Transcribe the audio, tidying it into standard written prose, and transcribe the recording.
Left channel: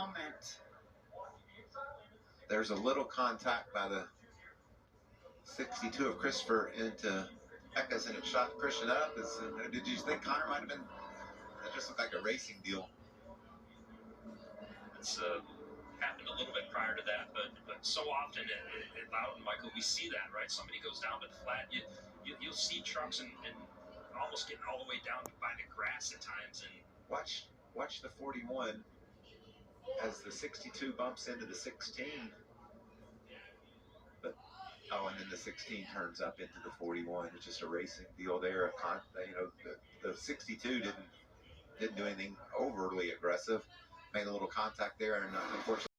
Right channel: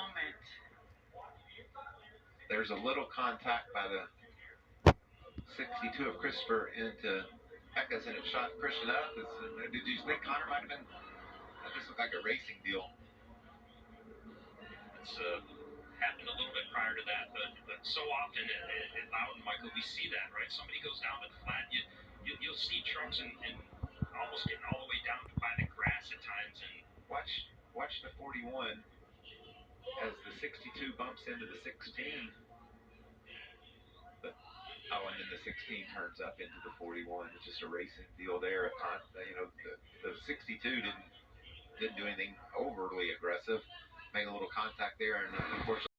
moment. There's a little contact by the 62 of Christopher into Eckes, and it shot Christian up. Did you think Connor might have been? That just looked like a racing deal. It's happened a little bit prior to that, but so often at Loudon, Michael, we see that, right? Somebody goes down to the flat, you'll see trucks and almost getting all the way down by the grass at times. And watch the 41 as the 62 bumps into the 16. And then the 16 turns up into the 41. It's just a racing deal there. The 62 didn't do anything overly aggressive. Made a little contact there, and unfortunately.